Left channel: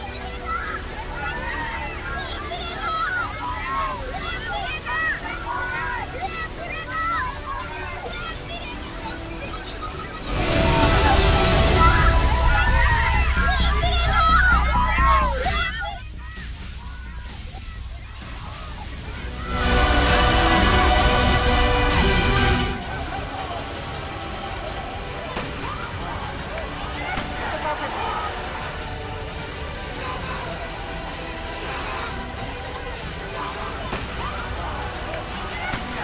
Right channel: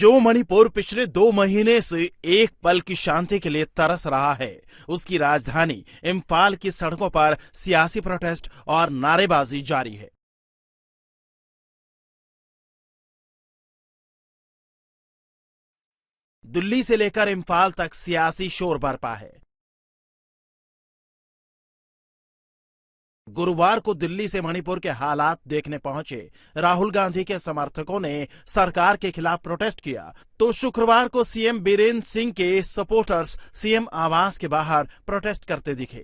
जो मणिपुर पिछले 2 महीने से एक पल की शांति के लिए तरस रहा है, उसकी राजधानी इम्फाल की सड़कों पर सियासी प्रोटेस्ट और नारेबाजी जारी है। दिल्ली से लेकर इम्फाल तक सियासी शोर बरपा है। गुरुवार को दिल्ली से मणिपुर के हालात देखने पहुंचे राहुल गांधी के समर्थकों ने सरकार के खिलाफ प्रोटेस्ट किया, तो शुक्रवार को सीएम बीरेन्द्र सिंह के सपोर्टर्स सीएम आवास के बाहर प्रोटेस्ट करते दिखे।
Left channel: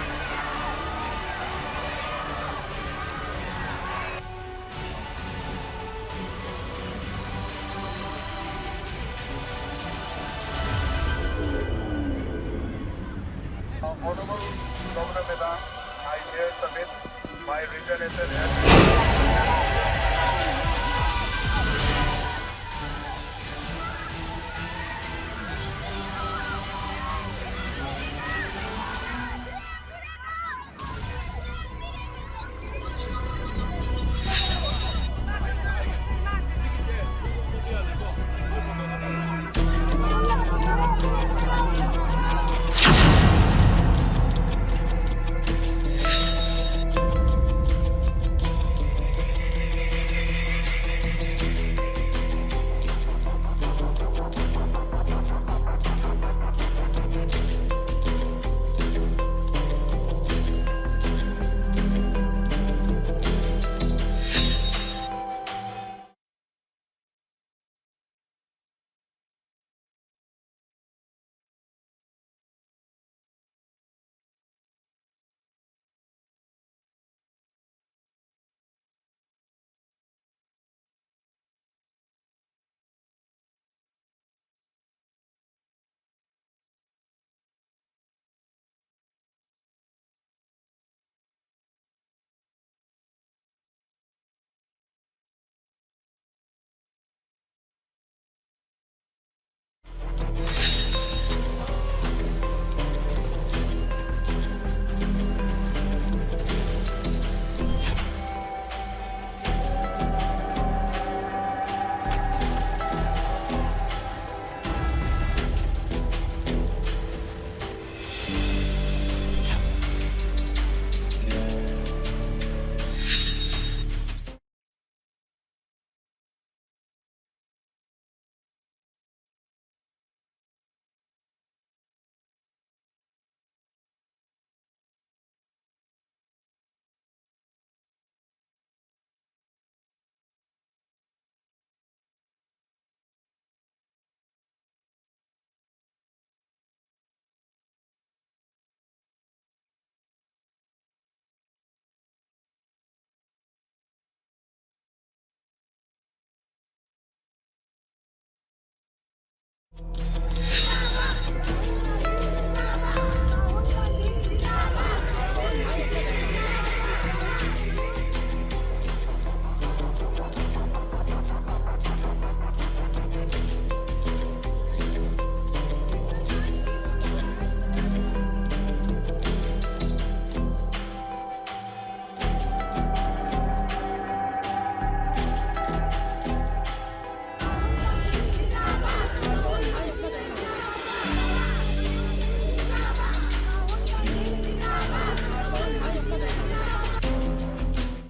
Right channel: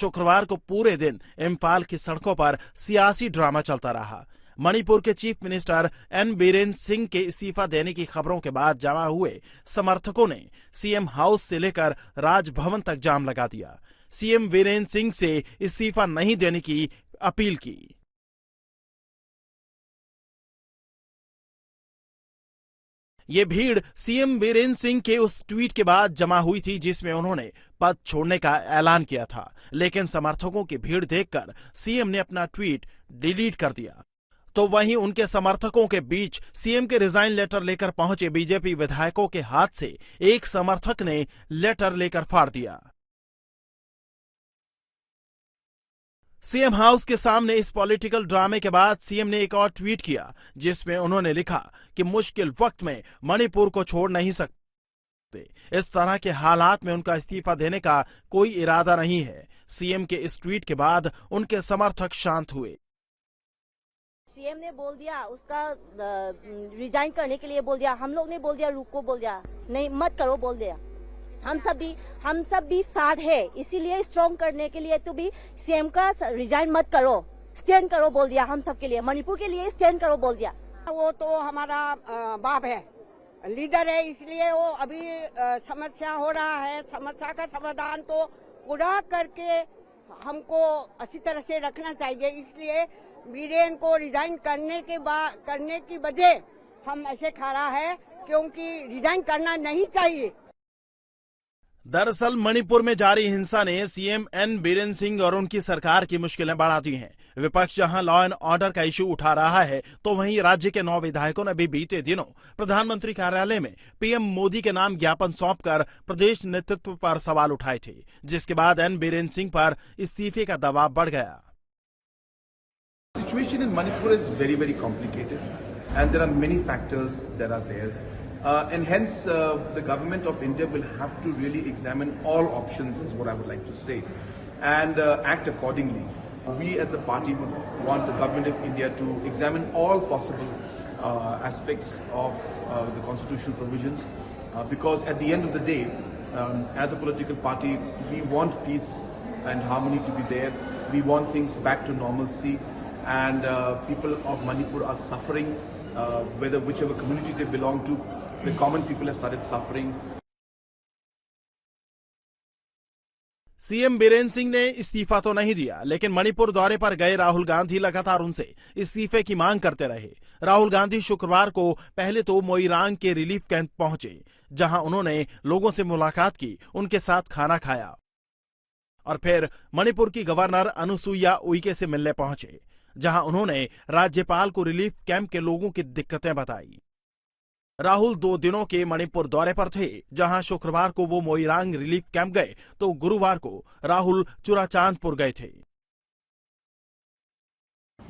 शुक्रवार को पूरे दिन इम्फाल की सड़कों पर सियासी ड्रामा चलता रहा। मणिपुर के chief minister N Birendra Singh के इस्तीफा देने की खबरों के बाद जमा हुए समर्थकों ने सीएम हाउस से लेकर राजभवन तक जाम लगा दिया। सीएम बीरेन्द्र सिंह से इस्तीफा नहीं देने की अपील की। ये भीड़ सीएम बीरेन्द्र सिंह के उस ट्वीट के बाद जमा हुई थी जिसमें उन्होंने पद छोड़ने का ऐलान किया था, लेकिन समर्थकों की भीड़ देखकर सीएम ने अपना ट्वीट डिलीट कर दिया। तो वहीं उनके समर्थकों के बीच सीएम के रिजाइन लेटर लेकर पहुंचे बीजेपी विधायकों के हाथ से एक समर्थक ने लेटर लेकर फाड़ दिया। सीएम हाउस के सामने इस पॉलिटिकल ड्रामे के बाद सीएम ने एक और ट्वीट किया जिसमें उन्होंने लिखा कि मुश्किल वक्त में मणिपुर को छोड़ नहीं सकता। इस तरह के हालात में उनका इस्तीफा देने का कोई इरादा नहीं है। सीएम के इस ट्वीट के बाद उनके समर्थक शांत हुए। रिजाइन करने के लिए बोल दिया, हम लोग ने बोल दिया रुको, बोल दिया नहीं मत करो, बोल दिया। हम सब भी साथ है, इसीलिए स्ट्रॉन्ग करने के लिए तो भी सीएम का रिजाइन मत करो, स्टैंड करो बोल दिया। हम सब के लिए, मणिपुर के लिए स्टैंड करो बोल दिया। वो तो हमारा बाप है, लीडर है, इसलिए वो अभी समस्या हो रहा है, समस्या का समाधान तो पूरा करके हमको अच्छी तरह से रखना चाहिए। इसलिए बीरेन को रिजाइन करने की वजह हम ऐसे खड़ा है क्योंकि रिजाइन करना नहीं चाहिए। दरअसल मणिपुर में जारी हिंसा ने सीएम एन बीरेन्द्र सिंह और उनकी सरकार की मुश्किलें बढ़ा दी हैं। विपक्ष जहां लॉ एंड ऑर्डर का इशू उठा रहा है, तो वहीं राज्य के 9 विधायकों ने भी बीते दिनों प्रधानमंत्री कार्यालय में पीएम मोदी के नाम ज्ञापन सौंपकर प्रदेश नेतृत्व पर सवाल उठाए थे, जिसके बाद एन बीरेन्द्र सिंह पर इस्तीफे का दबाव बढ़ गया। Situation in Manipur is very, very complicated, and there are many factors that are there, and hence the government of India will have to really examine all options, is what I would like to say, and act accordingly. We as a party would want the government of India to examine all possible aspects of the constitutional provisions, because at the end of the day, as a political party, we want peace and harmony to be there. We want things back to normalcy. And people of Manipur are suffering, whichever community they belong to. The common people have started suffering. CM Birendra Singh ने इस्तीफा तो नहीं दिया, लेकिन मणिपुर दौरे पर गए राहुल गांधी लगातार उनसे इस्तीफे की मांग करते रहे। राहुल गांधी शुक्रवार को पहले तो मोइरांग के रिलीफ कैंप पहुंचे, जहां उन्होंने लोगों से मुलाकात की, उनके साथ खाना खाया और फिर मणिपुर की गवर्नर अनुसुईया उइके से मिलने पहुंचे, जहां उन्होंने राज्यपाल को रिलीफ कैंप के लोगों की दिक्कतें बताई। राहुल 2 दिनों के मणिपुर दौरे पर थे, जहां शुक्रवार को वो मोइरांग रिलीफ कैंप गए, तो गुरुवार को राहुल चुराचांदपुर गए थे।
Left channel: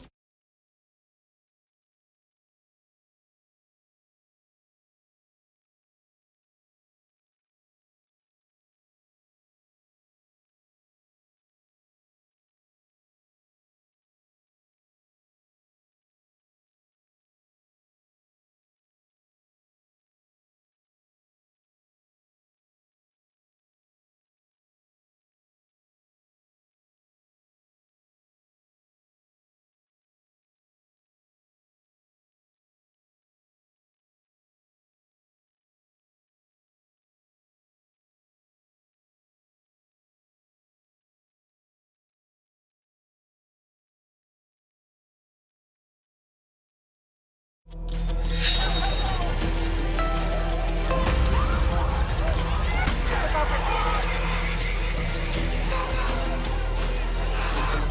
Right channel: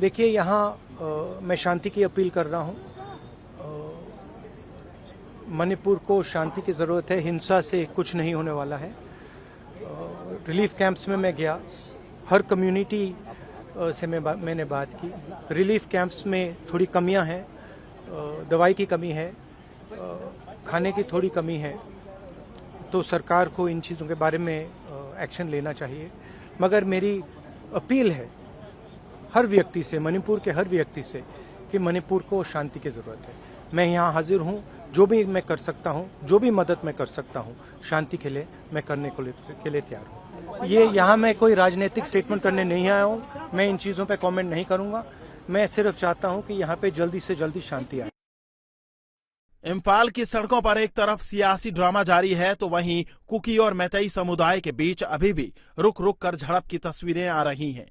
देखिए, यहाँ मैं शांति की अपील कर रहा हूँ। मणिपुर को शांति की जरूरत है, हिंसा से कुछ नहीं होने वाला है। रिलीफ कैंप्स में मैं गया, हर कम्युनिटी से मैंने बात की। रिलीफ कैंप्स में थोड़ी कमियां हैं, दवाई की कमी है, खाने की थोड़ी कमी है, तो सरकार को इन चीज़ों के बारे में एक्शन लेना चाहिए। मगर मेरी अपील है हर व्यक्ति से, मणिपुर के हर व्यक्ति से, कि मणिपुर को शांति की ज़रूरत है। मैं यहाँ हाजिर हूँ, जो भी मैं कर सकता हूँ, जो भी मदद मैं कर सकता हूँ शांति के लिए, मैं करने के लिए तैयार हूँ। ये यहाँ मैं कोई राजनीतिक स्टेटमेंट करने नहीं आया हूँ, मैं इन चीज़ों पे कमेंट नहीं करूँगा। मैं सिर्फ चाहता हूँ कि यहाँ पे जल्दी से जल्दी शांति आए। इम्फाल की सड़कों पर एक तरफ सियासी ड्रामा जारी है, तो वहीं कुकी और मैतेई समुदाय के बीच अभी भी रुक रुक कर झड़प की तस्वीरें आ रही हैं।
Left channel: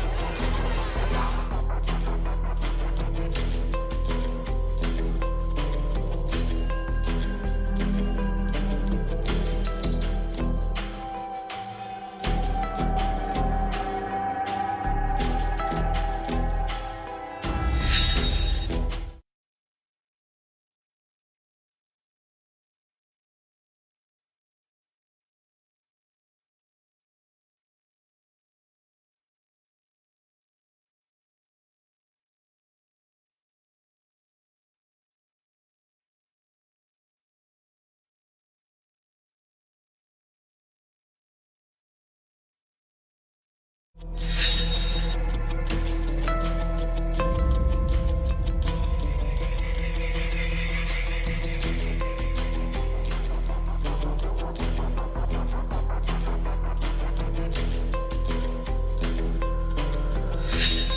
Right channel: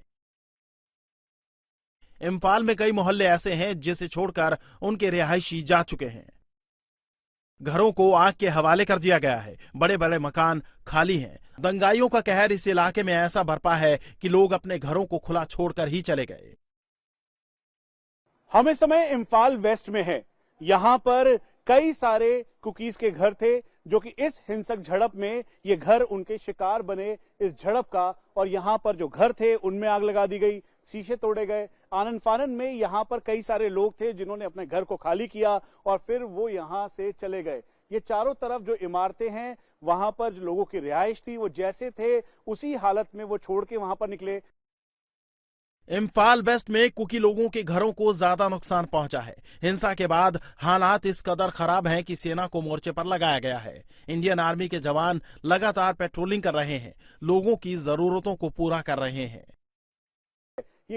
इम्फाल में कई मोहल्ले ऐसे हैं जिसे छोड़कर उनके रिहायशी जा चुके हैं। घरों को आग के हवाले कर दिया गया है। बड़े बड़े मकान खाली हैं। दंगाइयों का कहर इस इलाके में ऐसा बरपा है कि लोग अपने घरों को खुला छोड़कर ही चले गए। हम इस समय इम्फाल वेस्ट में हैं। यहाँ पर कई सारे कुकीज के घर थे जो कि इस हिंसक झड़प में ये घर उनके शिकार बने इस झड़प का, और यहाँ पर जो घर थे उनमें आग लगा दी गई, शीशे तोड़े गए। आनन फानन में यहाँ पर कई सारे लोग थे जिन्होंने अपने घर को खाली किया और फिर वो यहाँ से चले गए। ये चारों तरफ जो इमारतें हैं वहां पर जो लोगों की रिहाइश थी वो जैसे थे उसी हालत में वो छोड़ के वहां पर निकले। इम्फाल वेस्ट में कुकी लोगों के घरों को ज्यादा नुकसान पहुंचा है। हिंसा के बाद हालात इस कदर खराब हैं कि सेना को मोर्चे पर लगाया गया है। इंडियन आर्मी के जवान लगातार पेट्रोलिंग कर रहे हैं, लोगों की जरूरतों को पूरा कर रहे हैं।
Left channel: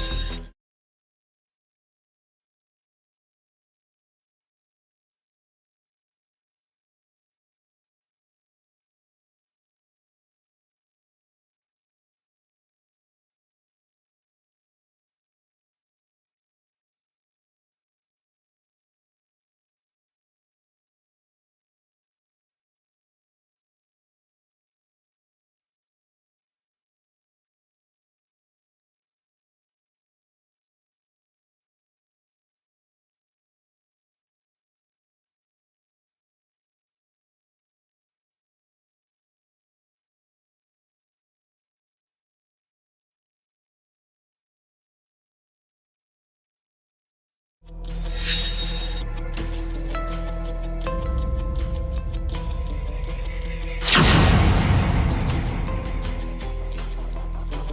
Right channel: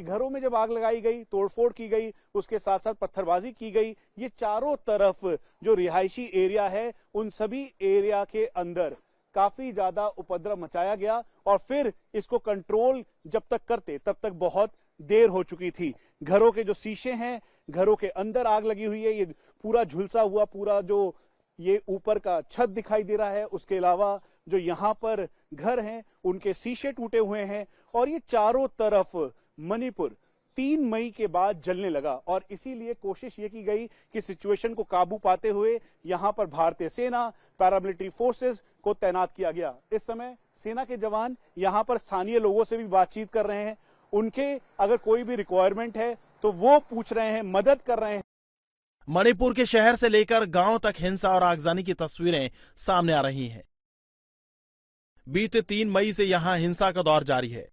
घरों में जब आग लगाई गई, तोड़फोड़ की गई, उसके साथ साथ पत्थरबाजी की गई, ये चारों तरफ जो रिहायशी एरिया है उन सभी एरिया के अंदर काफी ज्यादा उपद्रव मचाया गया और फिर इसको कंट्रोल जब तक करते तब तक बहुत देर हो चुकी थी। घरों के जो शीशे हैं, घरों के अंदर आग लगी हुई है, ये पूरा झुलसा हुआ पूरा जो ये ऊपर का छत दिखाई दे रहा है, उसके अलावा जो यहाँ पर घर हैं उनके शीशे टूटे हुए हैं और ये चारों तरफ मणिपुर 3 मई के बाद जलने लगा और इसीलिए कोशिश ये की गई कि सिचुएशन को काबू पाते हुए यहाँ पर भारतीय सेना, पैरामिलिट्री फोर्सेस को तैनात किया गया। इस समय सेना के जवान यहाँ पर स्थानीय लोगों से भी बातचीत कर रहे हैं, उनके अगर कोई भी रिक्वायरमेंट है तो वो पूछ रहे हैं, मदद कर रहे हैं। मणिपुर के शहर से लेकर गांव तक हिंसा और आगजनी की तस्वीरें सामने आ रही हैं। बीते 3 मई से यहां हिंसा का दौर जारी है।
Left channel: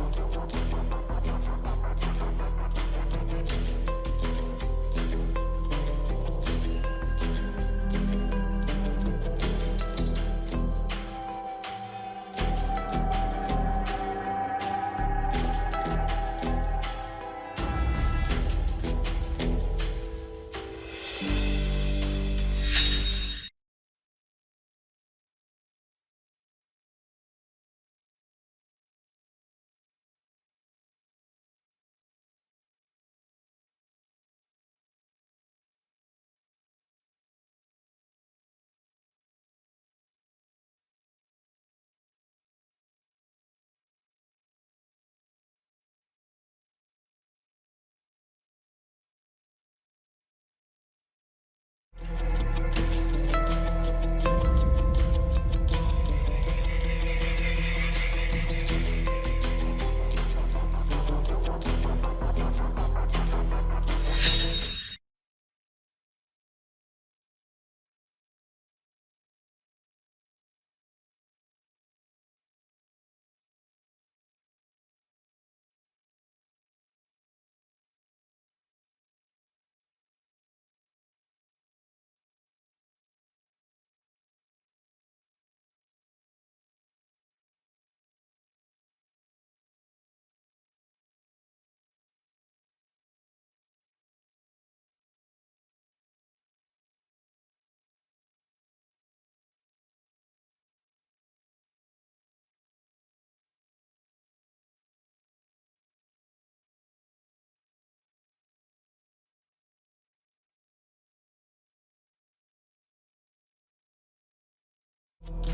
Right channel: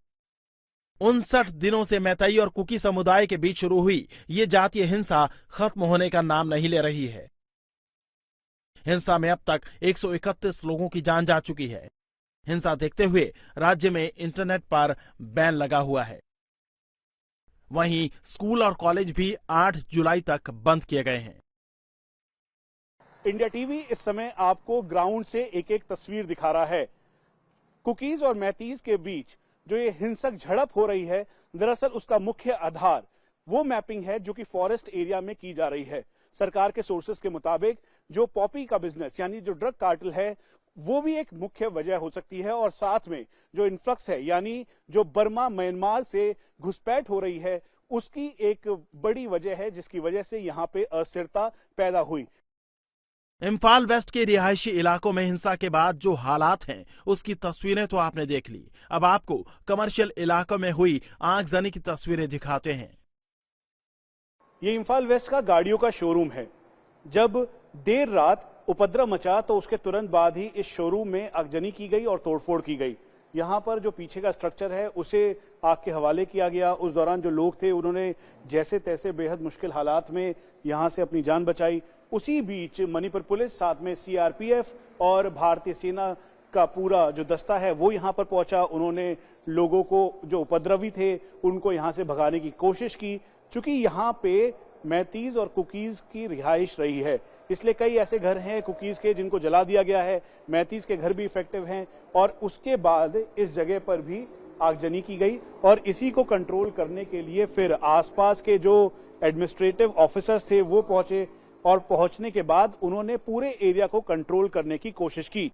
59 दिनों से मैतई और कुकी समुदाय के बीच शुरू हुई ये जातीय हिंसा खत्म होने का नाम नहीं ले रही है। हिंसा में अब तक 131 लोगों की जान जा चुकी है। हिंसा देखते हुए राज्य में इंटरनेट पर बैन लगा हुआ है। वहीं स्कूल और कॉलेज भी 8 जुलाई तक बंद किए गए हैं। इंडिया टीवी इस समय आपको ग्राउंड से एक एक तस्वीर दिखा रहा है। कुकीज और मैतीज के बीच जो ये हिंसक झड़प हो रही है, दरअसल उसका मुख्य आधार वो मैपिंग है जो कि फॉरेस्ट एरिया में की जा रही है। सरकार के सोर्सेस के मुताबिक जो पॉपी का बिजनेस यानी जो ड्रग कार्टेल है वो भी एक मुख्य वजह हो सकती है और साथ में जो इन्फ्लक्स है यानी जो बर्मा म्यांमार से घुसपैठ हो रही है उसकी एक बड़ी वजह है जिसकी वजह से यहाँ पे अस्थिरता पैदा हुई। इम्फाल वेस्ट के रिहायशी इलाकों में हिंसा के बाद जो हालात हैं उसकी तस्वीरें तो आपने देख ली। अब आपको कमर्शियल इलाकों में हुई आगजनी की तस्वीरें दिखाते हैं। ये इम्फाल वेस्ट का गाड़ियों का शोरूम है। जब देर रात उपद्रव मचा तो उसके तुरंत बाद ही इस शोरूम में आगजनी की गई और तोड़फोड़ की गई। यहाँ पर जो पीछे का स्ट्रक्चर है उसे आग के हवाले किया गया। उस दौरान जो लोग थे उन्होंने जैसे तैसे बेहद मुश्किल हालात में यहाँ से अपनी जान बचाई। उसी बीच मणिपुर पुलिस, साथ में सीआरपीएफ और भारतीय सेना का पूरा जो दस्ता है वो यहाँ पर पहुंचा। उन्होंने लोगों को जो उपद्रवी थे उनको यहाँ से भगाने की कोशिश की। चूंकि यहाँ पे मैतीज और कुकीज की रिहाइश रही है इसलिए कई ऐसे घर हैं कुकीज के जिनको जला दिया गया है। मैतीज के घर भी इफेक्टिव हैं और उसके बाद इस जगह पर भी आगजनी की गई और इसी को कंट्रोल करने के लिए फिर आसपास के जो एडमिनिस्ट्रेटिव ऑफिसर्स थे वो पहुंचे और पहुंचने के बाद उन्होंने पूरे एरिया को कंट्रोल करने की कोशिश की।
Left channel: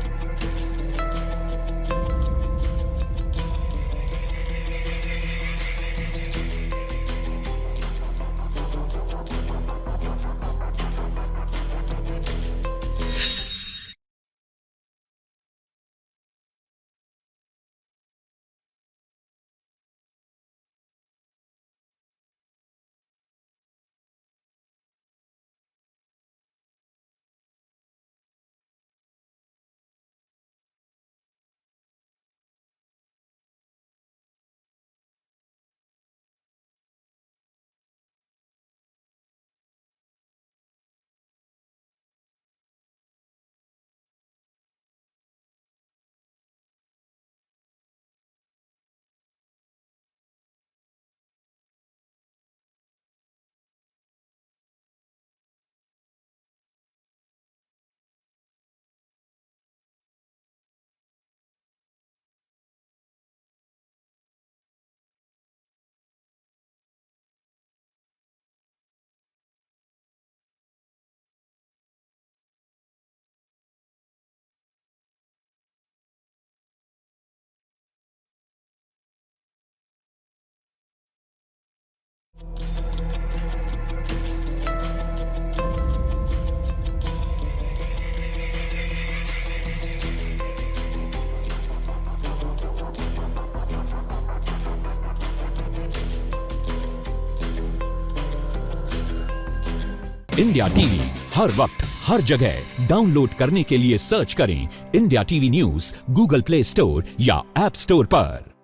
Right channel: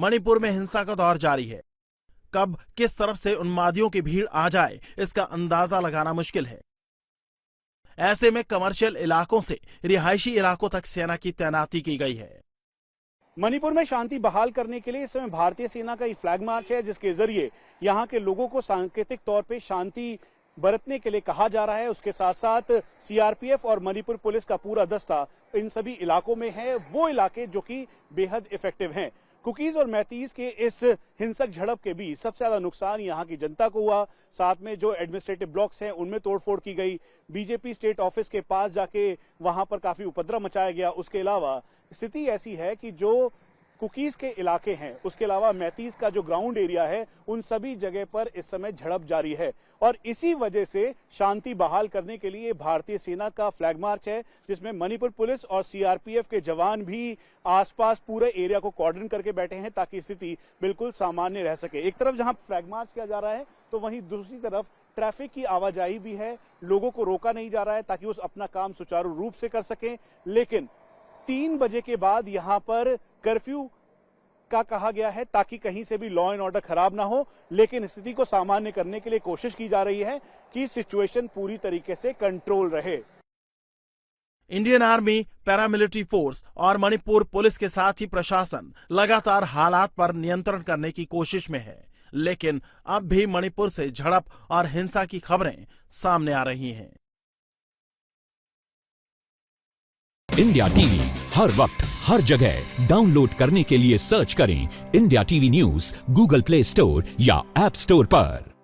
मणिपुर में हिंसा का दौर जारी है। कब किस तरफ से उन्मादियों की भीड़ आ जाए इसका अंदाजा लगाना मुश्किल है। ऐसे में कमर्शियल इलाकों से रिहायशी इलाकों तक सेना की तैनाती की गई है। मणिपुर में शांति बहाल करने के लिए इस समय भारतीय सेना का ये फ्लैग मार्च है जिसके जरिए यहाँ के लोगों को सांकेतिक तौर पे शांति बरतने के लिए कहा जा रहा है। उसके साथ साथ सीआरपीएफ और मणिपुर पुलिस का पूरा दस्ता इन सभी इलाकों में है, वो इलाके जो कि बेहद इफेक्टिव हैं। कुकीज और मैतीज के इस हिंसक झड़प के बीच सबसे ज्यादा नुकसान यहाँ की जनता को हुआ। साथ में जो एडमिनिस्ट्रेटिव ब्लॉक्स हैं उनमें तोड़फोड़ की गई। बीजेपी स्टेट ऑफिस के पास जाके वहां पर काफी उपद्रव मचाया गया। उसके अलावा स्थिति ऐसी है कि जो कुकीज के इलाके हैं उसके अलावा मैतीज का जो ग्राउंड एरिया है उन सभी जगह पर इस समय झड़प जारी है और इसी वजह से शांति बहाल करने के लिए भारतीय सेना का फ्लैग मार्च है जिसमें मणिपुर पुलिस और सीआरपीएफ के जवान भी आसपास पूरे एरिया को कॉर्डन करके बैठे हैं ताकि स्थिति बिल्कुल सामान्य रह सके। एक तरफ जहां फ्लैग मार्च किया जा रहा है तो वहीं दूसरी तरफ ट्रैफिक की आवाजाही भी है, लोगों को रोका नहीं जा रहा है ताकि वो अपना काम सुचारू रूप से कर सकें। लेकिन 3 बजे के बाद यहां पर कर्फ्यू का कहा गया है ताकि कहीं से भी लॉ एंड ऑर्डर खराब ना हो, लेकिन स्थिति को सामान्य करने के लिए कोशिश की जा रही है कि सिचुएशन पूरी तरीके से कंट्रोल रहे। इंडियन आर्मी, पैरामिलिट्री फोर्स और मणिपुर पुलिस के साथ ही प्रशासन लगातार हालात पर नियंत्रण करने की कोशिश में है, लेकिन अब भी मणिपुर से झड़प और हिंसा की खबरें सामने आ रही हैं। इंडिया टीवी हर वक्त हर जगह डाउनलोड करने के लिए सर्च करें India TV news Google play store या ऐप स्टोर पर।